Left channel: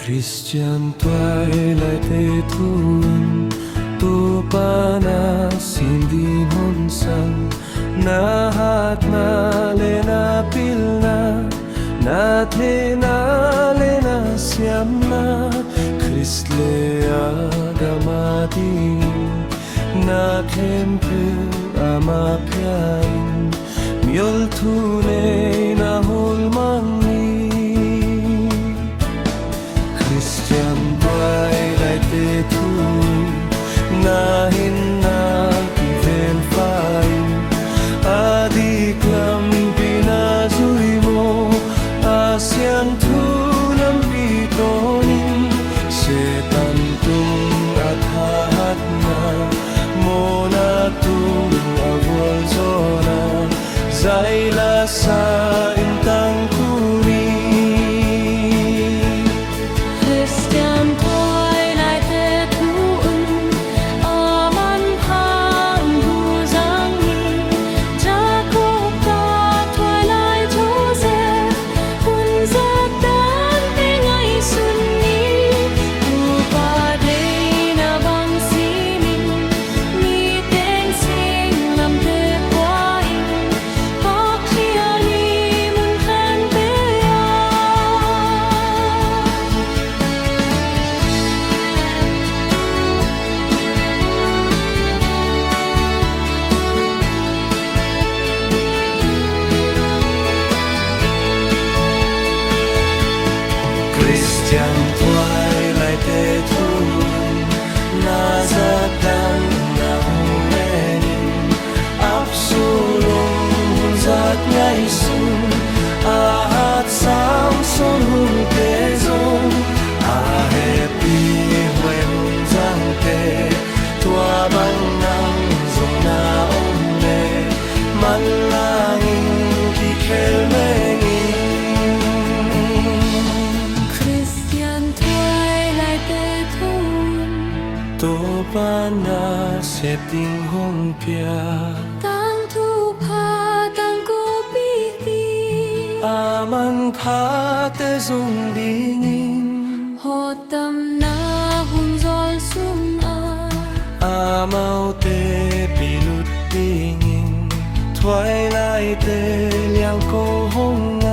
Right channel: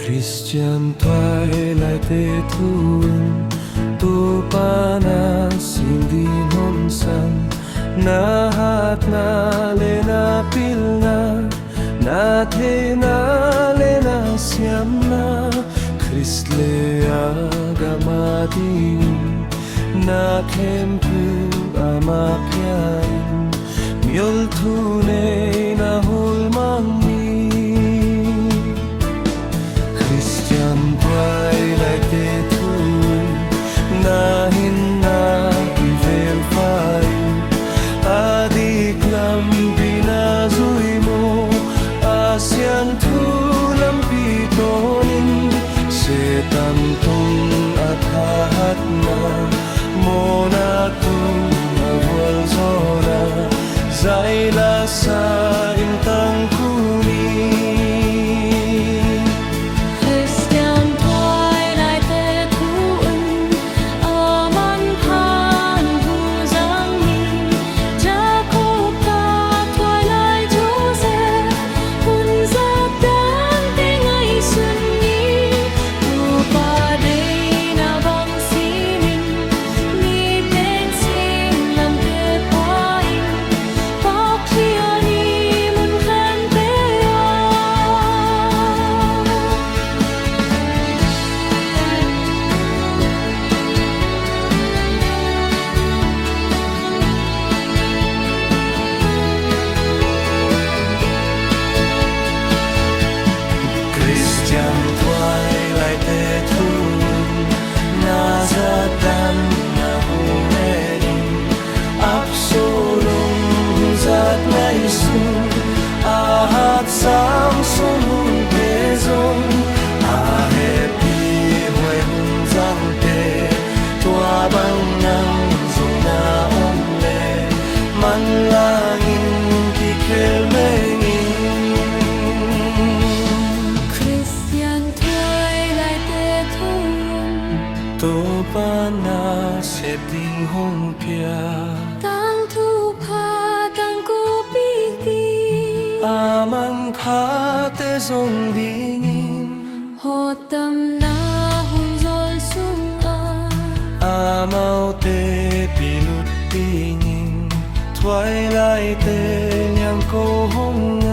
Khristian Tuailaite Toupa'n sin din honsang na hatna lena pilna na theihna lena siamna Khrist le agamadin na khempeuh Amah Mial tuneihna hawl mang Khristian Tuailaite na hinna kivelpha adik lampi na mo siangthou lampi tonin Setan tung at hahatna Mohna tung vualzohna Zaila sa tangkou Khristian Tuailaite Amang Khate zang Jakob tuailai unser dante ngaihsun'n tupa'n bang sinin ni teng sing lam te poain pakliani mun khempeuh Khristian Tuailaite na Setan na huenin absolong hunzat ngaihsun'n ahat sang son hun tezong ahepi huay hun zang te tuabang nang zong na omle manlangin kikelmengin Khristian Tuailaite Toupa'n xếp tình hong pia tang tangkou Amang Khate zong dingin hotam na vualzohna Amau te pilut dingin tuailai te liang ko hong